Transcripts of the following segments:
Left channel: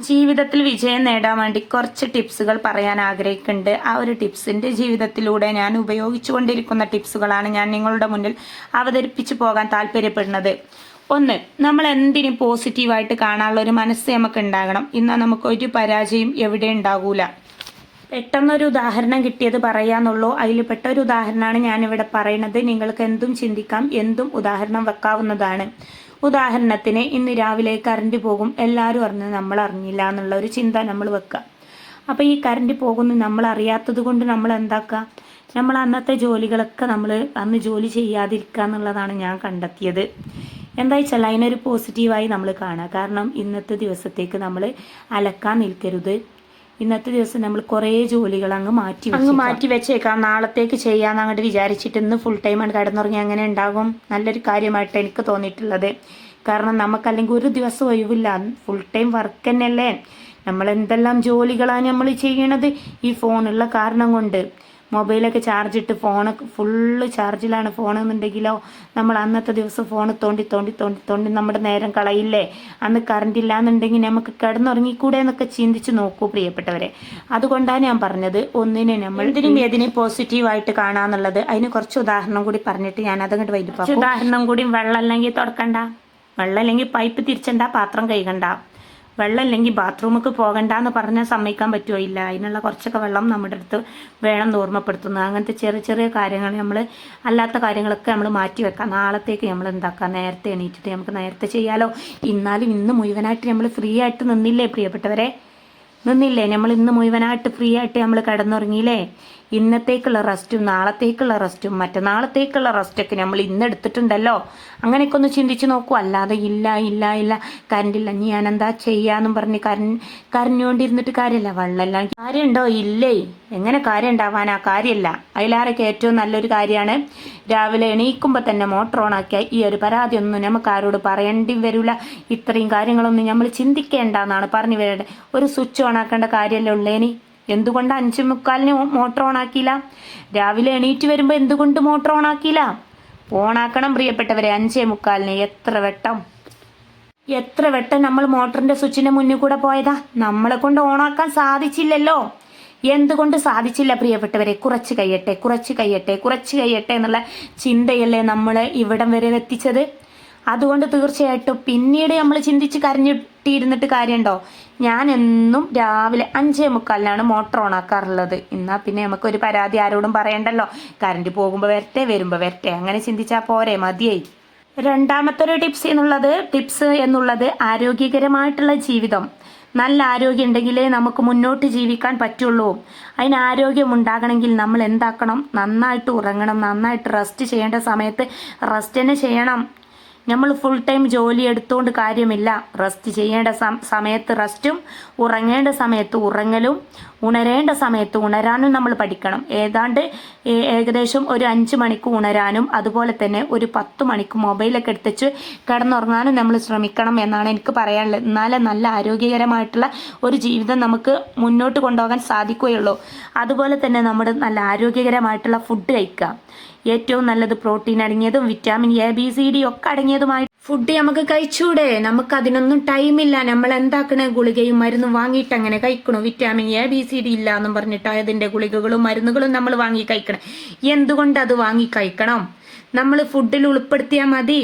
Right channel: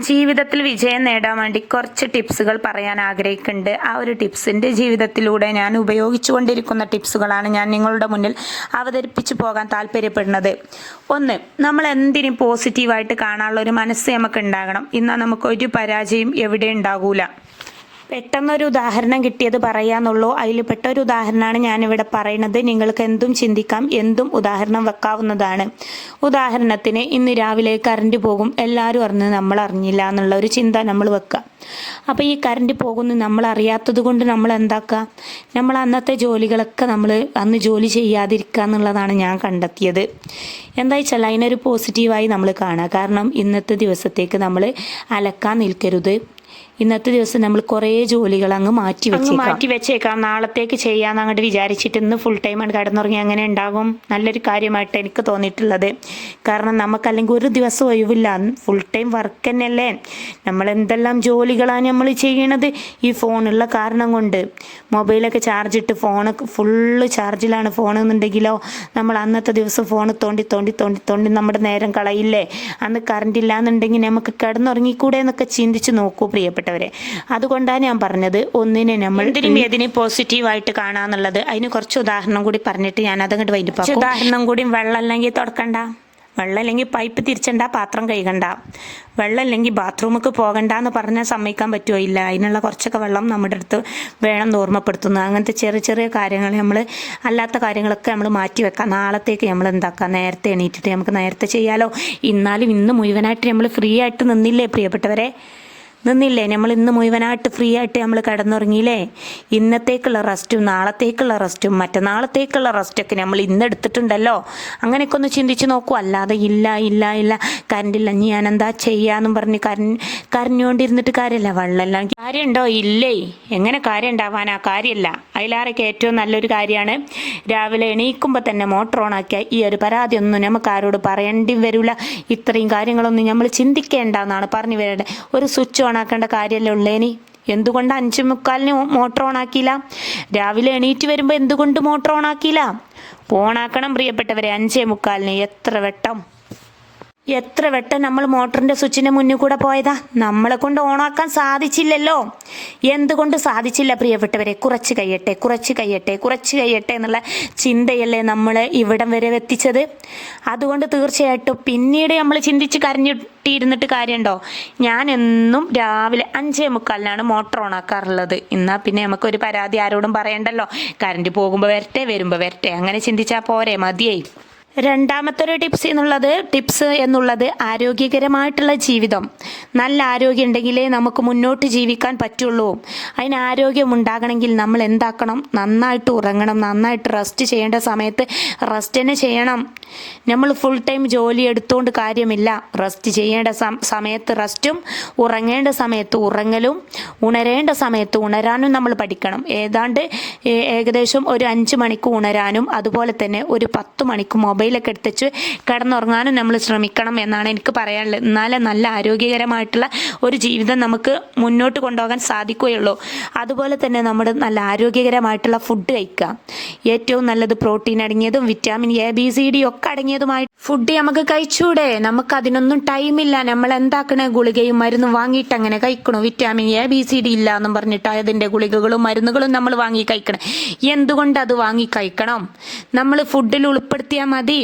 ജീവിതത്തിൽ വിജയം നേടാൻ വേണ്ടി കുറച്ച് ടിപ്സുകൾ പറയാൻ ആഗ്രഹിക്കുന്നുണ്ട്. ആ ഒരു ടിപ്സിന്റെ ജീവിതത്തിലൂടെ ഞാൻ ഉപയോഗിച്ചുകൊണ്ടിരിക്കുന്ന ടിപ്സുകളാണ് ഞാൻ നിങ്ങളുടെ മുന്നിൽ അവതരിപ്പിച്ചു പോകാൻ താല്പര്യപ്പെടുന്നത്. ഒന്ന് നമ്മൾ എന്തിനും പോസിറ്റീവായിട്ട് കാണാനുള്ള ഒരു മനസ്സ് നമുക്ക് ഉണ്ടാകണം. എന്നാൽ നമുക്ക് ഒരു പരാജയം എവിടെ ഉണ്ടാകൂല. പെട്ടെന്നൊരു ഉദാഹരണം കിട്ടിയത് പറയാന്നുള്ളൂ. അതിൽ പെട്ട ഒരു ഉദാഹരണമാണ് ഞാനിവിടെ പറയുന്നത്. നിങ്ങൾക്ക് എന്തും ചിന്തിക്കാം എന്തും ഉദാഹരണം വെക്കാവുന്നതാണ്. ഉദാഹരണത്തിന് ഇന്ന് രാവിലെ കറണ്ട് പോകും. എല്ലാവരും അറിഞ്ഞ് നമ്മൾ അറിഞ്ഞില്ല എന്നുള്ള ഒരു ചിന്ത നമ്മൾ വെക്കുക. അപ്പോൾ ഈ കറണ്ട് പോകുന്നു നമ്മൾ അറിയാത്തത് കൊണ്ട് നമ്മൾ എന്താക്കുക? നമ്മൾ അന്നത്തെ ജോലികളൊക്കെ നമ്മൾ അന്ന് ജോലി ചെയ്യാതിരിക്കുക എന്നുള്ളതാണ് ഞാൻ കണ്ടെത്തിയത്. എന്താ വെച്ചാൽ അതിനൊരു പോസിറ്റീവായി നമ്മൾ കാണുക. കാരണം ഇന്നത്തെ ദിവസത്തേക്ക് നമ്മൾ അലക്കാൻ നിൽക്കരുത്. ഇന്നത്തെ ദിവസം നമ്മൾ കുറേ ജോലികൾ അങ്ങ് മാറ്റി വെച്ച് മാറ്റി വെച്ചേക്കാം. നാളത്തേക്ക് ചെയ്യാന്ന് അങ്ങോട്ട് വിചാരിച്ചിട്ട് ഇന്ന് ഫുൾ ടൈം ആണ് കിടന്നുറങ്ങി അങ്ങനെ ഉണ്ടാകും നല്ലൊരു കാര്യമായിട്ട് എനിക്ക് തോന്നിയിട്ടുള്ളത്. കാരണം നമുക്കല്ലെങ്കിൽ ഒരു ദിവസം ഒഴിവില്ല. ഫുൾ ടൈം വർക്ക് തന്നെയല്ലേ. നമ്മൾ എന്തെല്ലാം ജോലികളാണ് നമ്മൾ ചെയ്യണത്? ഈ ഫോണുള്ള കാരണം കൊണ്ട്. മൊബൈലൊക്കെ ചാർജ് ഇട്ട് ഫോണൊക്കെ ഫുള്ള് ചാർജിലാണ് ഫോൺ എന്നുണ്ടെങ്കിലോ നമ്മൾ അന്നത്തെ ദിവസം ഫോൺ തോണ്ടി തോണ്ടി തോണ്ടി തോണ്ടി നമ്മുടെ നേരം കളയില്ലേ? അന്ന് കറണ്ട് ഇല്ല എന്നുണ്ടെങ്കിൽ നമുക്ക് കിടന്നുറങ്ങിക്കൂടെ എന്നൊക്കെ ചിന്തിച്ച് നോക്കൂ പ്രിയപ്പെട്ടവരെ. അതുകൊണ്ടാണ് ഞാൻ പറഞ്ഞത് ഒന്നിനെ നമ്മൾ എന്തിനും ഏതിനെ പോസിറ്റീവായിട്ട് കാണാന്നുള്ളത്. അതിന് കുറച്ച് ഉദാഹരണം കൂടി പറഞ്ഞിട്ട് ഞാൻ അതങ്ങോട്ട് വൈകിട്ട് ഉദാഹരണം കൂടി വെള്ളം അല്ലെങ്കിൽ തുറക്കണ്ട വെള്ളം അല്ലെങ്കിൽ പൈപ്പ് തിരിച്ചണ്ട പാത്രം കഴുകണ്ട. വെള്ളം അല്ലെങ്കിൽ ബാത്റൂമിലേക്ക് പോകണ്ട എന്ന് പറഞ്ഞാൽ സമ്മതിക്കാൻ പറ്റുമോ ഇല്ല. അതിനുള്ള കുറച്ചൊക്കെ വെള്ളം നമ്മുടെ അടുത്ത് വേണം ഓർമ്മപ്പെടുത്തുന്നു അങ്ങനത്തെ ചെറിയ ചെറിയ കാര്യങ്ങൾ നമ്മൾ അല്ലാത്ത കാര്യങ്ങളൊക്കെ നമ്മൾ മാറ്റി വെക്കാം. നാളത്തേക്ക് നമ്മൾ എന്താക്കാം? നേരത്തെ എണീറ്റിട്ട് നമുക്ക് നേരത്തെ ചെയ്യാലോ? എന്നാലും ഇന്ന് മുഴുവനായിട്ട് നമ്മൾ ഫ്രീ ആയിട്ട് നിന്നില്ലേ പ്രിയപ്പെട്ടവരെ? നിന്നില്ലേ? നമ്മൾ ഇന്ന് മുഴുവനായിട്ട് ഫ്രീ ആയിട്ട് നമ്മൾ കിടന്നുറങ്ങിയില്ലേ? ഇന്നത്തേക്കുള്ള റെസ്റ്റും നാളത്തേക്കുള്ള റെസ്റ്റും മറ്റന്നാളത്തേക്കുള്ള റെസ്റ്റൊക്കെ നമ്മൾ ഇന്ന് എടുത്തിട്ടുണ്ടല്ലോ. അങ്ങനെയൊക്കെ ഒന്ന് ചിന്തിച്ച് നോക്കൂ. അല്ലാതെ ഇല്ല ഇല്ല ഇല്ല. കറണ്ടില്ല ഇനി ഞാൻ എന്താ ചെയ്യാന്നും പറഞ്ഞ് കരഞ്ഞ് കരഞ്ഞുകൊണ്ടിരുന്നിട്ട് കാര്യമില്ല വെള്ളമെല്ലാം കാര്യമുണ്ടോ ഇല്ലേ. എങ്ങനെ കാര്യം ഉണ്ടാവാനാ കാര്യമില്ല അതിലാരൊക്കെ ഏറ്റവും നല്ലൊരു കാര്യമാണ് രാവിലെ എണീക്കുമ്പോൾ തന്നെ മോട്ടർ ഓണാക്കിയ ഈ ഒരു പരാതി ഒന്നും നമുക്ക് ആരോട് പറയേണ്ടി വരില്ല ഇത്രയും കാര്യങ്ങളൊന്നും നമ്മൾ ചിന്തിക്കേണ്ട എന്നാണ് പറഞ്ഞു വരേണ്ടത്. ഒരു സ്വിച്ച് ഓൺ ആക്കേണ്ട കാര്യമല്ലേ ഉള്ളേനി? എന്തുകൊണ്ട് അഞ്ചു മുക്കാലിന് മോട്ടർ ഓൺ ആക്കിയില്ല രാവിലെ എണീറ്റ് വരുമ്പോൾ എന്തുകൊണ്ട് മോട്ടർ ഓണാക്കിയില്ല? ഓണാക്കണം പ്രിയപ്പെട്ടവരെ അഞ്ചേ മുക്കാലിന്. എത്ര വെട്ടം. എത്ര വെട്ടം നമ്മൾ മോട്ടറിന്റെ സ്വിച്ചിന്റെ മുന്നിൽ കൂടെ പോയതാ? നമ്മളെ കൊണ്ട് ഓണാക്കാൻ സാധിച്ചില്ലല്ലോ. എന്തുകൊണ്ട് സാധിച്ചില്ല പ്രിയപ്പെട്ടവരെ? കുറച്ച് കഴിയട്ടെ കുറച്ച് കഴിയട്ടെ കുറച്ച് കഴിയട്ടെ എന്നുള്ള ചിന്തയല്ലേ നമ്മൾ ഇവിടം വരെ എത്തിച്ചത്. അതുകൊണ്ട് തീർച്ചയായിട്ടും പിന്നീട് നമ്മൾ ചിന്തിച്ച് കരഞ്ഞിട്ടിരുന്നിട്ട് കാര്യമുണ്ടോ ഞാൻ എന്നും രാവിലെ അഞ്ചേ മുക്കാലിനാണ് മോട്ടർ ഓൺ ആക്കാറുള്ളത് എന്നാൽ പിന്നെ നമുക്കൊരു പരാതി ആരോടും പറയണ്ടല്ലോ. കറണ്ട് പോകുമ്പോൾ വരട്ടെ വരുമ്പോൾ വരട്ടെ. അങ്ങനെ ചിന്തിച്ചാൽ പോരെ മതിയായി. രണ്ടാമത്തെ ഒരു ടിപ്സ് എന്നുള്ളത് ടിപ്സ് എന്നുള്ളത് ആരോഗ്യകരമായിട്ടുള്ള ജീവിതം. നല്ല ആരോഗ്യം ഉണ്ടെങ്കിലേ നമുക്ക് മുന്നോട്ട് ജീവിക്കാൻ പറ്റുള്ളൂ. അതിന് ആരോഗ്യം ഉണ്ടാകണമെങ്കിൽ നമ്മൾ എന്താക്കണം? നന്നായിട്ട് ഉറങ്ങണം നന്നായിട്ട് റെസ്റ്റ് ചെയ്യേണ്ട സമയത്ത് റെസ്റ്റ് തന്നെ ചെയ്യണം. നമ്മൾ ഫുൾ ടൈം ജോലി എടുത്തുകൊണ്ട് കാര്യമില്ല. റെസ്റ്റ് ചെയ്യേണ്ട സമയത്ത് റെസ്റ്റും ഉറങ്ങേണ്ട സമയത്ത് ഉറങ്ങലും ഉണരേണ്ട സമയത്ത് ഉണരാനും നമ്മൾ പഠിക്കണം. ഏതാണ്ട് ഏകദേശം ഒരു അഞ്ച് മണിക്ക് ഉണരാനും അതുപോലെ തന്നെ ഒരു പത്ത് മണിക്ക് മൊബൈലൊക്കെ എടുത്തുവെച്ച് കിടന്നുറങ്ങാനും നമ്മൾ ശ്രമിക്കണം എന്നാണ് എനിക്ക് പറയാനുള്ളത്. എന്നാലേ നല്ല ആരോഗ്യകരമായിട്ടുള്ള ഒരു ജീവിതം നമുക്ക് മുന്നോട്ട് കൊണ്ടുപോകാൻ സാധിക്കുകയുള്ളൂ. അതുപോലെ തന്നെ നമ്മൾ നല്ല ആരോഗ്യകരമായിട്ടുള്ള ഫുഡ് കഴിക്കുക. ഏറ്റവും നല്ലത് protein അടങ്ങിയതും vitamin A B C D ഒക്കെ അടങ്ങിയതുമായി ഫുഡ് നമുക്ക് കഴിച്ചൂടെ? നമുക്ക് അതിനൊന്നും ടൈമില്ല. നമ്മൾ എന്താക്കണ ഗുളികയും മരുന്നും വാങ്ങിയിട്ട് അങ്ങനെ കഴിക്കണു. Vitamin A B C D ഇല്ല എന്നും പറഞ്ഞിട്ട് അതിന്റെ ഗുളികകളും മരുന്നുകളും നമ്മൾ വാങ്ങി കഴിക്കണം. എന്തുകൊണ്ട് അത് വാങ്ങി കഴിക്കണം? നമ്മൾ ഫുഡിൽ ഉൾപ്പെടുത്തിയാൽ മതി.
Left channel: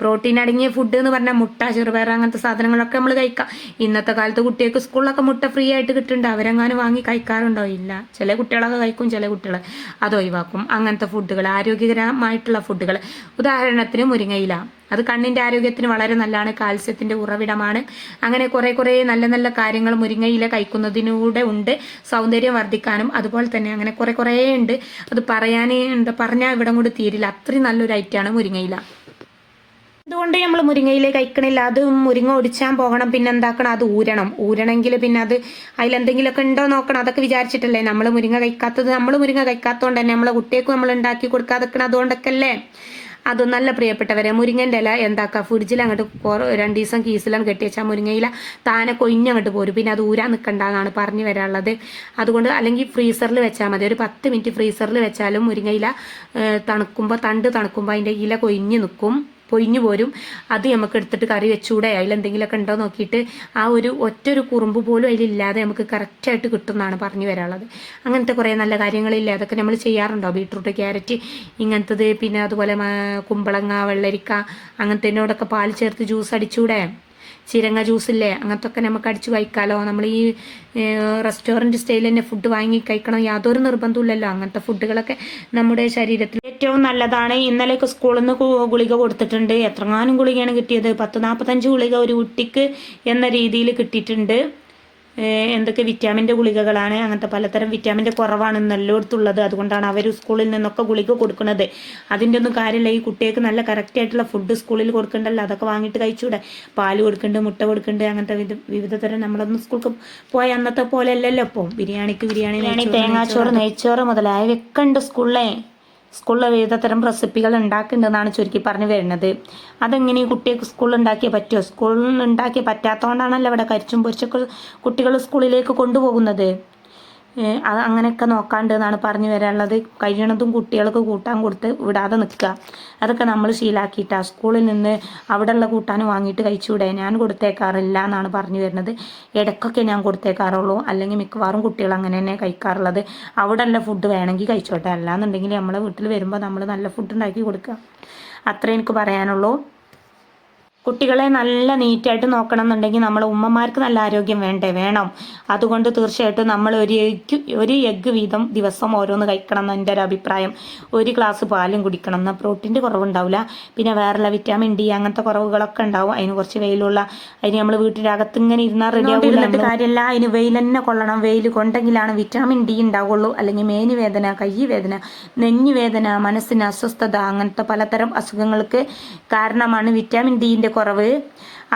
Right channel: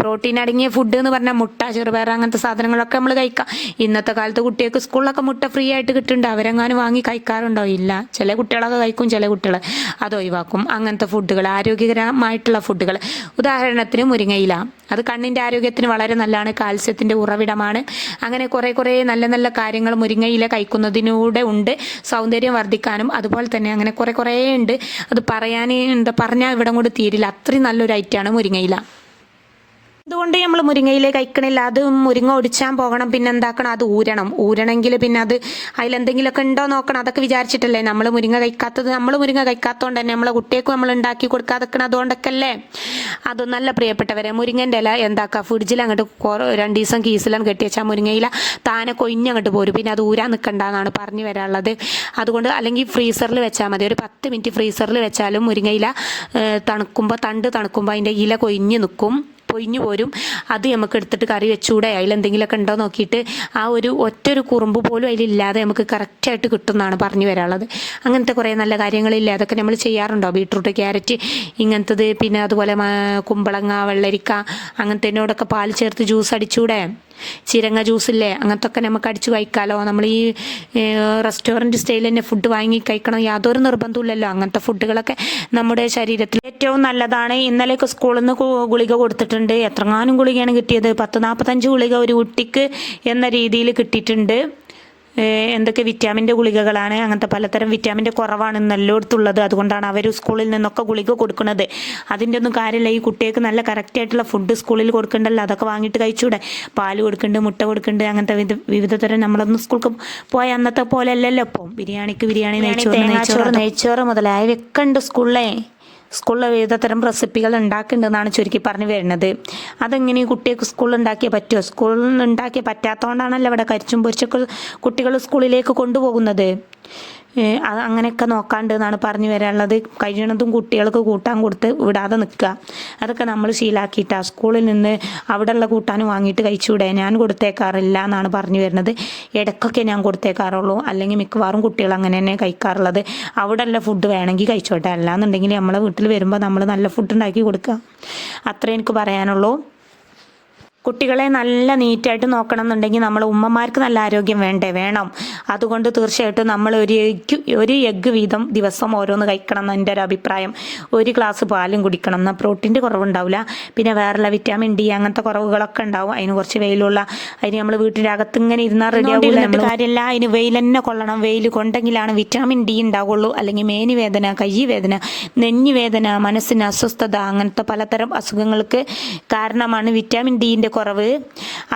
പ്രോട്ടീൻ അടങ്ങിയ ഫുഡ് എന്ന് പറഞ്ഞാൽ മുട്ട ചെറുപയർ അങ്ങനത്തെ സാധനങ്ങളൊക്കെ നമ്മൾ കഴിക്കാം. ഇന്നത്തെ കാലത്ത് കുട്ടികൾക്ക് സ്കൂളിലൊക്കെ മുട്ട ഫ്രീ ആയിട്ട് കിട്ടുന്നുണ്ട് അവരെങ്ങാനും വാങ്ങി കഴിക്കാറുണ്ടോ? ഇല്ല. ചില കുട്ടികളൊക്കെ കഴിക്കും ചില കുട്ടികൾ അത് ഒഴിവാക്കും. അങ്ങനത്തെ ഫുഡുകൾ ആരോഗ്യകരമായിട്ടുള്ള ഫുഡുകൾ ഉദാഹരണത്തിന് മുരിങ്ങയില. അത് കണ്ണിന്റെ ആരോഗ്യത്തിന് വളരെ നല്ലതാണ് കാൽസ്യത്തിന്റെ ഉറവിടമാണ്. അങ്ങനെ കുറേ കുറേ നല്ല നല്ല കാര്യങ്ങൾ മുരിങ്ങയില കഴിക്കുന്നതിലൂടെ ഉണ്ട്. സൗന്ദര്യം വർദ്ധിക്കാനും അതുപോലെ തന്നെ അങ്ങനെ കുറേ കുറേ ഉണ്ട്. അത് പറയാൻ എന്താ പറഞ്ഞാൽ ഇവിടെ കൊണ്ട് തീരില്ല. അത്രയും നല്ലൊരു ഐറ്റമാണ് മുരിങ്ങയില. അതുകൊണ്ട് നമ്മൾ മുരിങ്ങയില കഴിക്കണില്ല അത് മുരിങ്ങ ഒടിച്ചാൻ പോകണം പിന്നെ എന്താക്കണം? അത് ഊരണം. ഊരണമെങ്കിൽ പിന്നെ അത് അതിലെന്തെങ്കിലുമൊക്കെ ഉണ്ടോ നോക്കണം. അതൊക്കെ വിചാരിച്ചിട്ടല്ലേ നമ്മൾ മുരിങ്ങ കഴിക്കാത്തത്? നമ്മൾ മുരിങ്ങ കഴിക്കാത്തതുകൊണ്ട് തന്നെ നമ്മളെ കുട്ടികൾക്ക് നമ്മൾ ഉണ്ടാക്കി കൊടുക്കാതെ അതുകൊണ്ടൊക്കെ അല്ലേ അത് നല്ല പ്രിയപ്പെട്ടവരെ മുരിങ്ങന്റെ ഇല എന്താക്കുക ഫ്രിഡ്ജിൽ അങ്ങോട്ട് രണ്ട് ദിവസം കീസിലും കെട്ടി വെച്ചാൽ മുരിങ്ങയില താനെ കൊയിഞ്ഞങ്ങോട്ട് പോരും. പിന്നെ അത് ഊരാൻ നിൽക്കണ്ടെന്നാണ് പറഞ്ഞു വരാനുള്ളത്. അതുകൊണ്ട് അല്ലെങ്കിൽ ഫ്രീസറിൽ വെച്ചാൽ മതി. ഒരു പത്ത് മിനിറ്റ് ഫ്രീസറിൽ വെച്ചാലും മുരിങ്ങയില തണുക്കുമ്പോൾ തണ്ട് തണുക്കുമ്പോൾ അതിന്റെ ഇല കൊയിഞ്ഞ് നിൽക്കും പൊയിഞ്ഞു പോരും. അത് നമുക്ക് എടുത്തിട്ട് കറി വെച്ചുകൂടെ അതിൽ എന്തെങ്കിലുമൊക്കെ ഉണ്ടോ നോക്കിയിട്ട് ആ ഒരു ഒറ്റ ഒരു കുറുമ്പ് പോലും അതിലില്ലാതെ നമുക്ക് കറക്റ്റായിട്ട് കിട്ടുന്നതാണ് പറഞ്ഞു വരാനുള്ളത്. അങ്ങനത്തെ കുറേ നല്ല കാര്യങ്ങളില്ല? അതൊക്കെ നമ്മൾ ചെയ്യാറുണ്ടോ? ബീട്രൂട്ട് ക്യാരറ്റ് ഇങ്ങനത്തത്. പിന്നെ അതുപോലെ കുമ്പളങ്ങ വെള്ളരിക്ക അങ്ങനത്തേനോടൊക്കെ പാൽ ചേർത്ത് ജ്യൂസ് അടിച്ചൂടെ? ചിരങ്ങ ജ്യൂസില്ലേ? അങ്ങനത്തെ ഒക്കെ നമുക്ക് അടിച്ചു കഴിക്കാമല്ലോ നമ്മൾ ഈ റെസ്റ്റോറന്റ് സ്റ്റൈലിൽ തന്നെ ഫുഡ് വാങ്ങി കഴിക്കണം. യാതൊരു നിർബന്ധമില്ലല്ലോ അങ്ങനത്തെ ഫുഡുകളൊക്കെ നമ്മുടെ ശരീരത്തിൽ ഏറ്റവും നല്ലതാണ്. ഇന്നലെയൊക്കെ സ്കൂളിൽ നിന്ന് ഗുളിക കൊടുത്തിട്ടുണ്ട്. എത്രങ്ങാനും ഗുളികയാണ് കിട്ടിയത്. പത്ത് നാൽപ്പത്തഞ്ച് ഗുളിക ഒരു കുട്ടിക്ക് എന്ന രീതിയിൽ കിട്ടിയിട്ടുണ്ട്. എന്തൊക്കെ വിറ്റാമിന്റെ ഗുളികകളാണ്? അങ്ങനത്തെ പലതരം വിറ്റാമിന്റെ കുറവാണ് എല്ലായിടത്തുള്ളത് അതുകൊണ്ടാണ് അവർ സ്കൂളിൽ നിന്നൊക്കെ ഗുളിക കൊടുക്കുന്നത്. അതിന്റെ ഒന്നും കാര്യമില്ല. ഈ കുട്ടികൾക്ക് നല്ല കറക്റ്റ് ആയിട്ടുള്ള ഫുഡ് സ്കൂളിൽ കൊടുക്കണ്ടല്ലോ. അതൊക്കെ വാങ്ങിയിട്ട് കഴിച്ചൂടെ. പാൽ കൊടുക്കുന്നുണ്ട് മുട്ട കൊടുക്കുന്നുണ്ട് അങ്ങനത്തെ വിധ വിവിധ തരം നമ്മളൊന്നും സ്കൂൾക്ക് പോയ അന്നത്തെ പോലെ അല്ലല്ലോ ഇപ്പോൾ ബിരിയാണിക്ക് ബിരിയാണി നെയ്ച്ചോറ്. നെയ്ച്ചോറ് മുതലായവയൊക്കെ ഉണ്ട് സ്കൂളിലെ. സ്കൂളിൽ വിവിധ തരം റെസിപ്പികൾ ഉണ്ടാക്കുന്നുണ്ടെന്നാണ് ചുരുക്കി പറഞ്ഞു വരുന്നത്. അതെങ്ങനെ കുട്ടികൾക്ക് സ്കൂളിൽ ഉണ്ടാക്കിയേ പറ്റുമോ സ്കൂളിൽ ഉണ്ടാക്കിയ പറ്റാത്തതുകൊണ്ടാണല്ലോ ഇവിടെ കരിച്ചും പൊരിച്ചൊക്കെ കുട്ടികൾ സ്കൂളിലേക്ക് കൊണ്ടുപോകുന്നത്. അങ്ങനെയൊക്കെ നോക്കാണ്ട് എന്നാണ് പറഞ്ഞു വരാനുള്ളത്. കഴിയണതും കുട്ടികൾക്ക് കൂട്ടാൻ കൊടുത്ത് വിടാതെ നിൽക്കുക. അതൊക്കെ നമ്മൾ ശീലാക്കിയിട്ടാണ് സ്കൂളിൽ നിന്ന് അവിടെയുള്ള കൂട്ടാൻ വാങ്ങിയിട്ട് കഴിച്ചുകൂടെ? ഞാൻ കൊടുത്തേക്കാറില്ല എന്നാണ് പറഞ്ഞു വരുന്നത്. ഇടയ്ക്കൊക്കെ ഞാൻ കൊടുത്തേക്കാറുള്ളൂ. അല്ലെങ്കിൽ മിക്കവാറും കുട്ടികൾ അങ്ങനെ തന്നെ കഴിക്കാറുള്ളത്. അവിടെ ഉള്ള ഫുഡ് വേണമെങ്കിൽ കഴിച്ചോട്ടെ. അല്ലാന്നുണ്ടെങ്കിൽ നമ്മളെ വീട്ടിൽ വരുമ്പോൾ നമ്മൾ നല്ല ഫുഡ് ഉണ്ടാക്കി കൊടുക്കുക. അത്രേ എനിക്ക് പറയാനുള്ളൂ. കുട്ടികളെ നല്ല നീറ്റായിട്ട് നോക്കണം എന്നുണ്ടെങ്കിൽ നമ്മൾ ഉമ്മമാർക്ക് നല്ല ആരോഗ്യം വേണ്ടേ? വേണം. അതുകൊണ്ട് തീർച്ചയായിട്ടും നമ്മൾ ഒരു എഗ് ഒരു എഗ്ഗ് വീതം ദിവസം ഓരോന്ന് കഴിക്കണം എന്ന് എന്റെ ഒരു അഭിപ്രായം. ഒരു ഗ്ലാസ് പാലും കുടിക്കണം. എന്നാൽ പ്രോട്ടീന്റെ കുറവുണ്ടാവില്ല. പിന്നെ വേറെയുള്ള വിറ്റാമിൻ ഡി അങ്ങനത്തെ കുറവുകളൊക്കെ ഉണ്ടാവും. അതിന് കുറച്ച് വെയിലുള്ള അതിന് നമ്മൾ വീട്ടിന്റെ അകത്ത് ഇങ്ങനെ ഇരുന്നാൽ റെഡി ആവില്ല കാര്യമല്ല. അതിന് വെയിൽ തന്നെ കൊള്ളണം. വെയിൽ കൊണ്ടെങ്കിലാണ് വിറ്റാമിൻ ഡി ഉണ്ടാവുള്ളൂ. അല്ലെങ്കിൽ മേനി വേദന കൈ വേദന നെഞ്ഞു വേദന മനസ്സിന് അസ്വസ്ഥത അങ്ങനത്തെ പലതരം അസുഖങ്ങൾക്ക് കാരണമാണ് വിറ്റാമിൻ ഡിന്റെ കുറവ്.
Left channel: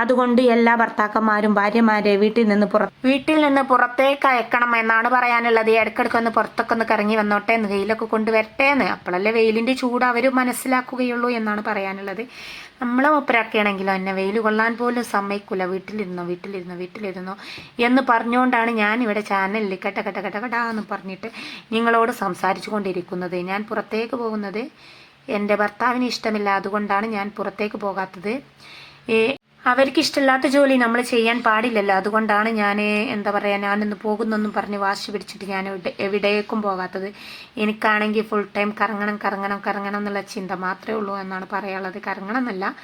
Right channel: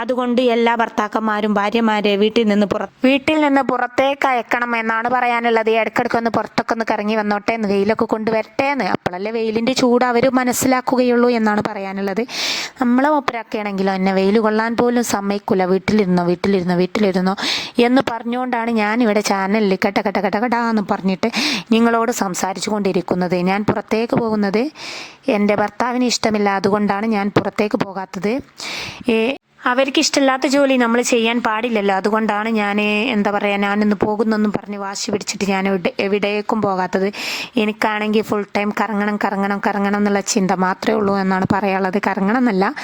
അതുകൊണ്ട് എല്ലാ ഭർത്താക്കന്മാരും ഭാര്യമാരെ വീട്ടിൽ നിന്ന് പുറ വീട്ടിൽ നിന്ന് പുറത്തേക്ക് അയക്കണം എന്നാണ് പറയാനുള്ളത്. ഇടയ്ക്കിടയ്ക്ക് ഒന്ന് പുറത്തൊക്കെ ഒന്ന് കറങ്ങി വന്നോട്ടെ എന്ന് വെയിലൊക്കെ കൊണ്ടുവരട്ടെ എന്ന്. അപ്പോഴല്ലേ വെയിലിന്റെ ചൂട് അവർ മനസ്സിലാക്കുകയുള്ളൂ എന്നാണ് പറയാനുള്ളത്. നമ്മളെ ഒപ്പരാക്കുകയാണെങ്കിലോ എന്നെ വെയിൽ കൊള്ളാൻ പോലും സമ്മതിക്കില്ല വീട്ടിലിരുന്നോ വീട്ടിലിരുന്നോ വീട്ടിലിരുന്നോ എന്ന് പറഞ്ഞുകൊണ്ടാണ് ഇവിടെ ചാനലിൽ കെട്ട കെട്ട കെട്ട കെട്ടാന്ന് പറഞ്ഞിട്ട് നിങ്ങളോട് സംസാരിച്ചു കൊണ്ടിരിക്കുന്നത്. ഞാൻ പുറത്തേക്ക് പോകുന്നത് എന്റെ ഭർത്താവിന് ഇഷ്ടമില്ല അതുകൊണ്ടാണ് ഞാൻ പുറത്തേക്ക് പോകാത്തത്. അവർക്ക് ഇഷ്ടമില്ലാത്ത ജോലി നമ്മൾ ചെയ്യാൻ പാടില്ലല്ലോ. അതുകൊണ്ടാണ് ഞാൻ എന്താ പറയുക ഞാനിന്ന് പോകുന്നൊന്നും പറഞ്ഞ് വാശി പിടിച്ചിട്ട് ഞാൻ എവിടെ എവിടേക്കും പോകാത്തത്. എനിക്കാണെങ്കിൽ ഫുൾ ടൈം കറങ്ങണം കറങ്ങണം കറങ്ങണം എന്നുള്ള ചിന്ത മാത്രമേ ഉള്ളൂ എന്നാണ് പറയാനുള്ളത്. കറങ്ങണം എന്നല്ല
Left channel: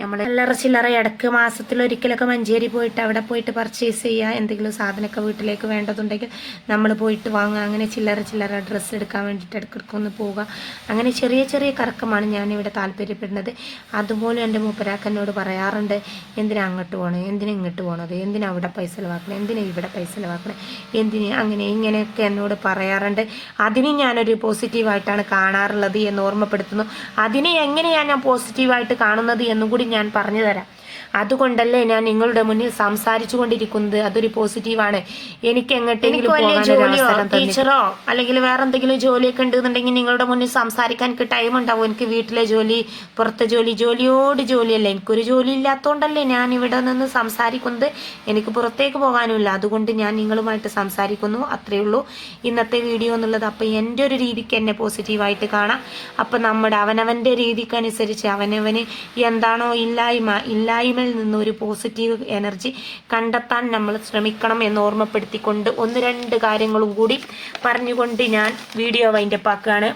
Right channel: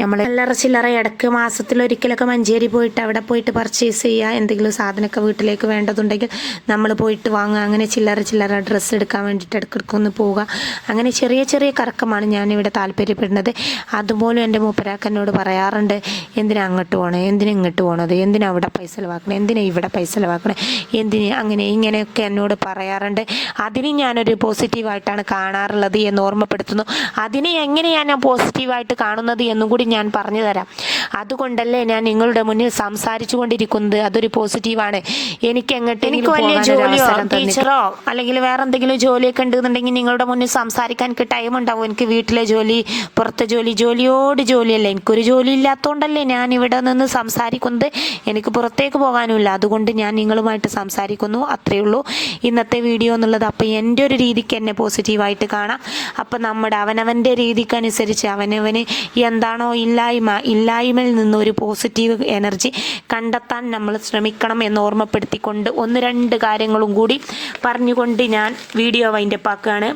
നമ്മൾ ചില്ലറ ചില്ലറ ഇടയ്ക്ക് മാസത്തിലൊരിക്കലൊക്കെ മഞ്ചേരി പോയിട്ട് അവിടെ പോയിട്ട് പർച്ചേസ് ചെയ്യുക എന്തെങ്കിലും സാധനമൊക്കെ വീട്ടിലേക്ക് വേണ്ടതുണ്ടെങ്കിൽ നമ്മൾ പോയിട്ട് വാങ്ങുക. അങ്ങനെ ചില്ലറ ചില്ലറ ഡ്രസ്സ് എടുക്കാൻ വേണ്ടിയിട്ട് ഇടയ്ക്കിടയ്ക്ക് ഒന്ന് പോവുക. അങ്ങനെ ചെറിയ ചെറിയ കറക്കമാണ് ഞാനിവിടെ താല്പര്യപ്പെടുന്നത്. അതുപോലും എന്റെ മൂപ്പരാക്കനോട് പറയാറുണ്ട്. എന്തിനാ അങ്ങോട്ട് പോകണേ എന്തിനാ ഇങ്ങോട്ട് പോകണത് എന്തിനാ അവിടെ പൈസ ചിലവാക്കണേ? എന്തിനാ ഇവിടെ പൈസ ചിലവാക്കണേ? എന്തിന് അങ്ങനെ ഇങ്ങനെയൊക്കെ എന്നോട് പറയാറുണ്ട്. അതിനെ ഞാനൊരു പോസിറ്റീവായിട്ടാണ് കാണാറുള്ളത് എന്ന് ഓർമ്മപ്പെടുത്തുന്നു. അതിനെ എങ്ങനെയാണ് ഞാൻ പോസിറ്റീവായിട്ട് കാണുന്നത് എന്നും കൂടി ഞാൻ പറഞ്ഞു തരാം. അതുകൊണ്ടല്ലേ ഞാൻ നിങ്ങളുടെ മുന്നിൽ സംസാരിച്ചു കൊണ്ടിരിക്കുന്നത്. അതൊരു പോസിറ്റീവാണ്. എനിക്ക് എങ്ങോട്ടെങ്കിലും ജോലിയോ ടീച്ചറോ അല്ലെങ്കിൽ വേറെ എന്തെങ്കിലും ജോലിയൊക്കെ ഉണ്ടെന്നുണ്ടെങ്കിൽ നിങ്ങളുടെ മുന്നിൽ സംസാരിക്കാൻ ടൈം ഉണ്ടാവും. എനിക്ക് വീട്ടിലെ ജോലി പുറത്തെ ജോലി ജോലിയോട് ജോലിയല്ല. എനിക്കൊരു ജോലി ഇല്ലാത്തതുകൊണ്ടല്ലേ ഞാൻ ഇവിടെ നിന്ന് സംസാരിക്കുന്നത്? എനിക്ക് പുറത്തേക്ക് പോകാനുമില്ല. അതുകൊണ്ട് ഞാൻ നിങ്ങളുമായിട്ട് സംസാരിക്കുന്നു. അത്രയേ ഉള്ളൂ. ഇന്നത്തെ വീഡിയോ എന്നുള്ളത് അപ്പോൾ എന്റെ ഒരു രീതിക്ക് എന്നെ പോസിറ്റീവായിട്ട് കാണാം. അപ്പോൾ നമ്മുടെ അവനവന്റെ രീതിക്കനുസരിച്ച് അവനവന് എന്താണോ ഇല്ലായ്മ ഇല്ലായ്മയിൽ നിന്ന് ഒരു പോസിറ്റീവ് എനർജി കണ്ടെത്താൻ നമ്മൾ ശ്രമിക്കണം എന്ന് ഓർമ്മപ്പെടുത്തിക്കൊണ്ട് ഒന്ന് രണ്ട് കാര്യങ്ങളും കൂടി പറഞ്ഞുകൊണ്ട് ഞാൻ വീഡിയോ വൈൻഡപ്പ് ആക്കുകയാണ്.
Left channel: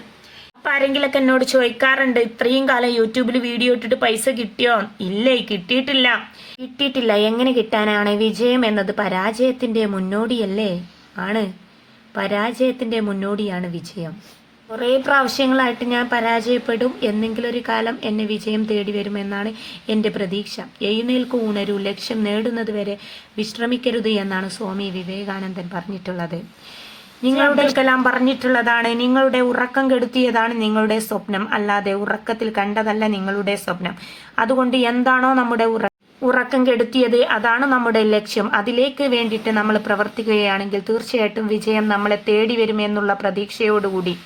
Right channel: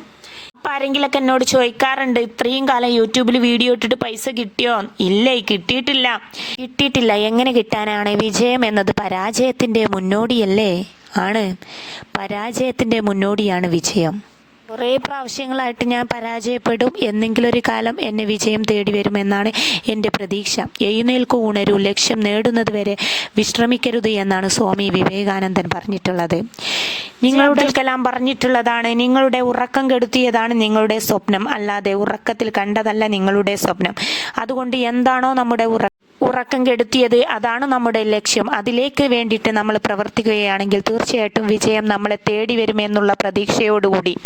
അപ്പൊ ആരെങ്കിലൊക്കെ എന്നോട് ചോദിക്കാറുണ്ട് ഇത്രയും കാലം യൂട്യൂബിൽ വീഡിയോ ഇട്ടിട്ട് പൈസ കിട്ടിയോ? ഇല്ലേ കിട്ടിയിട്ടില്ല. കിട്ടിയിട്ടില്ല എങ്ങനെ കിട്ടാനാണ് വിജയം എന്നത് പരാജയത്തിന്റെ മുന്നോടിയല്ലേ? ആണ്. പരാജയത്തിന്റെ മുന്നോടിയാണ് വിജയം. കുറേ പ്രാവശ്യങ്ങളായിട്ട് ഞാൻ പരാജയപ്പെടും. എന്നെങ്കിലും ഒരു കാലം എന്നെ വിജയം തേടി വരുമെന്നാണ് എന്റെ പ്രതീക്ഷ. എഴുന്നേൽക്കു ഉണരൂ. ലക്ഷ്യം നേടുന്നത് വരെ വിശ്രമിക്കരുത് എന്നാണ് സ്വാമി വിവേകാനന്ദൻ പറഞ്ഞിട്ടുള്ളത്. നിങ്ങളുടെ കലാം പറഞ്ഞിട്ടുള്ളതാണ് നിങ്ങളുടെ ഉറക്കം കെടുത്തിയതാണ് നിങ്ങളുടെ സ്വപ്നം. അല്ലാതെ ഉറക്കത്തിൽ കണ്ടതല്ല നിങ്ങളുടെ സ്വപ്നം. അതുകൊണ്ട് എന്താണോ നമ്മുടെ ഉറ ഉറക്കം കെടുത്തിയത് അതാണ് നമ്മുടെ ലക്ഷ്യം. അതിലേക്ക് വേണ്ടിയിട്ട് നമ്മൾ പ്രവർത്തിക്കുകയാണെങ്കിൽ തീർച്ചയായിട്ടും വിജയം നമ്മളെ തേടി വരുമെന്നുള്ള പ്രതീക്ഷയോടുകൂടി.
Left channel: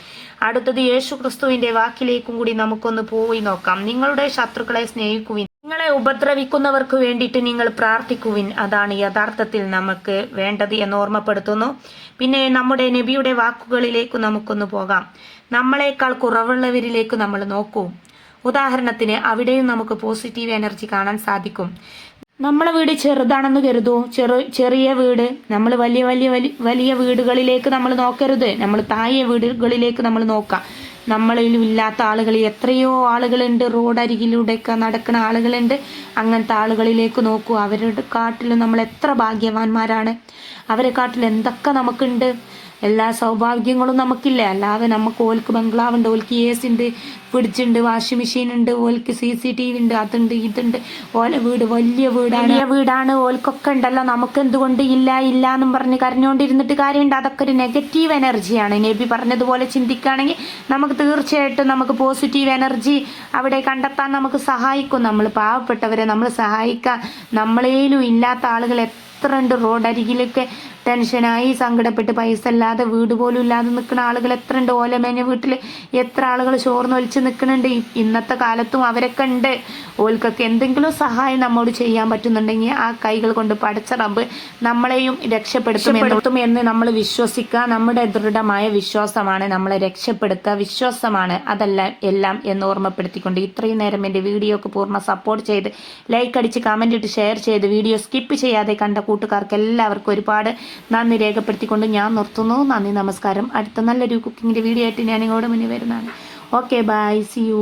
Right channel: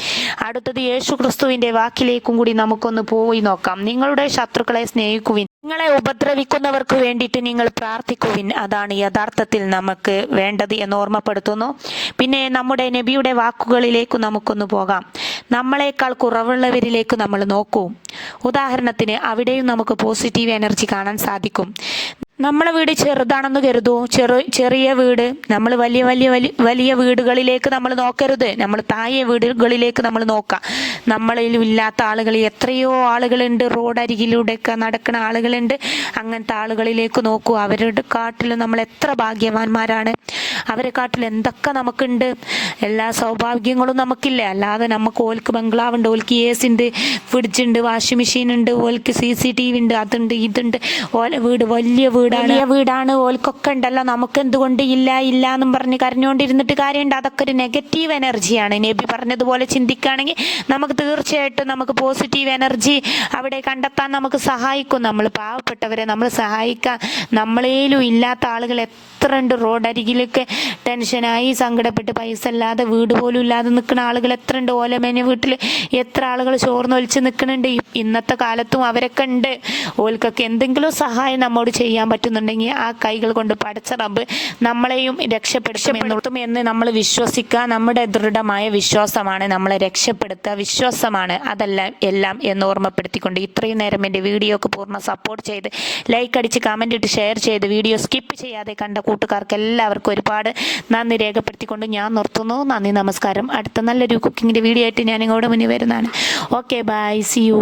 അടുത്തത് യേശു ക്രിസ്തുവിന്റെ വാക്കിലേക്കും കൂടി നമുക്കൊന്ന് പോയി നോക്കാം. നിങ്ങളുടെ ശത്രുക്കളെ സ്നേഹിക്കുവിൻ. നിങ്ങളെ ഉപദ്രവിക്കുന്നവർക്ക് വേണ്ടിയിട്ട് നിങ്ങൾ പ്രാർത്ഥിക്കുവിൻ. അതാണ് യഥാർത്ഥത്തിൽ നമുക്ക് വേണ്ടത് എന്ന് ഓർമ്മപ്പെടുത്തുന്നു. പിന്നെ നമ്മുടെ നബിയുടെ വാക്കുകളിലേക്ക് നമുക്കൊന്ന് പോകാം. നമ്മളെക്കാൾ കുറവുള്ളവരിലേക്ക് നമ്മൾ നോക്കൂ. ഉദാഹരണത്തിന് അവിടെയും നമുക്ക് പോസിറ്റീവ് എനർജി കാണാൻ സാധിക്കും. നമ്മളെ വീട് ചെറുതാണെന്ന് കരുതൂ. ചെറു ചെറിയ വീട്. നമ്മൾ വലിയ വലിയ വലിയ വലിയ വീടുകളിലേക്ക് നമ്മൾ നോക്കരുത്. നമ്മൾ താഴെ വീടുകളിലേക്ക് നമ്മൾ നോക്കാം. നമ്മളിലും ഇല്ലാത്ത ആളുകൾ എത്രയോ ആളുകളുണ്ട്. റോഡരികിലൂടെയൊക്കെ നടക്കുന്ന ആളുകളുണ്ട്. അങ്ങനത്തെ ആളുകളിലേക്ക് നോക്കൂ. അവരുടെ കാട്ടിൽ നമ്മൾ എത്ര ഭാഗ്യവാന്മാരാണ്. അവരെ കാട്ടിൽ എന്തൊക്കെ നമുക്കുണ്ട്. എല്ലാ സൗഭാഗ്യങ്ങളും നമുക്കില്ല. അല്ലാതെ നമുക്ക് ഓൽക്ക് ബംഗ്ലാവുണ്ട് ഓൽക്ക് എ സി ഉണ്ട് ഫ്രിഡ്ജ് ഉണ്ട് വാഷിംഗ് മെഷീൻ ഉണ്ട് ഓൽക്ക് സി സി ടി വി ഉണ്ട് അതുണ്ട് ഇതുണ്ട്. ഓല വീട് വലിയ വീടാണ്. വലിയ വീടാണ്. ഓൽക്കൊക്കെ ഉണ്ടല്ലോ. നമുക്ക് എന്തുകൊണ്ട് ഇല്ല ഇല്ല എന്നും പറഞ്ഞ് കരഞ്ഞുകൊണ്ടിരുന്നിട്ട് കാര്യമുണ്ട്. അതൊക്കെ ഒരു നെഗറ്റീവ് എനർജിയാണ് നബി പറഞ്ഞതുപോലെ ചിന്തിക്കുകയാണെങ്കിൽ നമുക്ക് തീർച്ചയായിട്ടും നമുക്ക് പോസിറ്റീവ് എനർജി അവിടെ കണ്ടെത്താൻ നമുക്ക് സഹായിക്കും. നമ്മൾ പാവപ്പെട്ടവരെ നമ്മൾ സഹായിക്കാൻ നമ്മളേലും ഇല്ലാത്ത ആളുകൾ എത്രയുണ്ട് റോഡരികിലൊക്കെ ടെൻഷനായി സങ്കടപ്പെട്ട് പൈസ ഇല്ലാതെ വീട് പോലും ഇല്ലാതെ നിൽക്കുന്ന ആളുകൾ എത്ര ഉണ്ട്. ഓലമേന വീട്ടിൽ എത്ര ആളുകൾ ചോർന്ന് ഒലിച്ച് നിൽക്കുന്നുണ്ട്. ഇന്നത്തെ കാലത്തും അവരൊക്കെ ഉണ്ട്. ഓൽക്കൊക്കെ എന്തെങ്കിലും സഹായം നമ്മോട് ചെയ്യാൻ പറ്റുന്നുണ്ടെങ്കിൽ ആ കൈകൾ കൊണ്ട് പടച്ച റബ്ബ് നമ്മളെയും രക്ഷപ്പെടുത്തും എന്ന് നമ്മൾ വിശ്വസിക്കുക. നമ്മുടെ ദൃഢമായ വിശ്വാസമാണ് നമ്മളെ രക്ഷപ്പെടുത്തുക. വിശ്വാസമാണ് അതല്ല എല്ലാം എന്ന് ഓർമ്മപ്പെടുത്തിക്കൊണ്ട് ഇത്രയും നേരം എന്റെ വീഡിയോക്ക് പൂർണ സപ്പോർട്ട് ചെയ്ത് ലൈക്ക് അടിച്ച് കമന്റ് ഇട്ട് ഷെയർ ചെയ്ത് വീഡിയോ സ്കിപ്പ് ചെയ്യാതെ കണ്ട കൂട്ടുകാർക്ക് എല്ലാവർക്കും ഒരുപാട് നന്ദി രേഖപ്പെടുത്തിക്കൊണ്ട് ഞാൻ നിർത്തുന്നു. നന്ദി നമസ്കാരം. അടുത്ത നല്ലൊരു കുക്കിങ്ങിന്റെ വീഡിയോ ആയിട്ട് ഞാൻ ഇങ്ങോട്ട് മുന്നിൽ വരുന്നതാണ്. Okay bye C U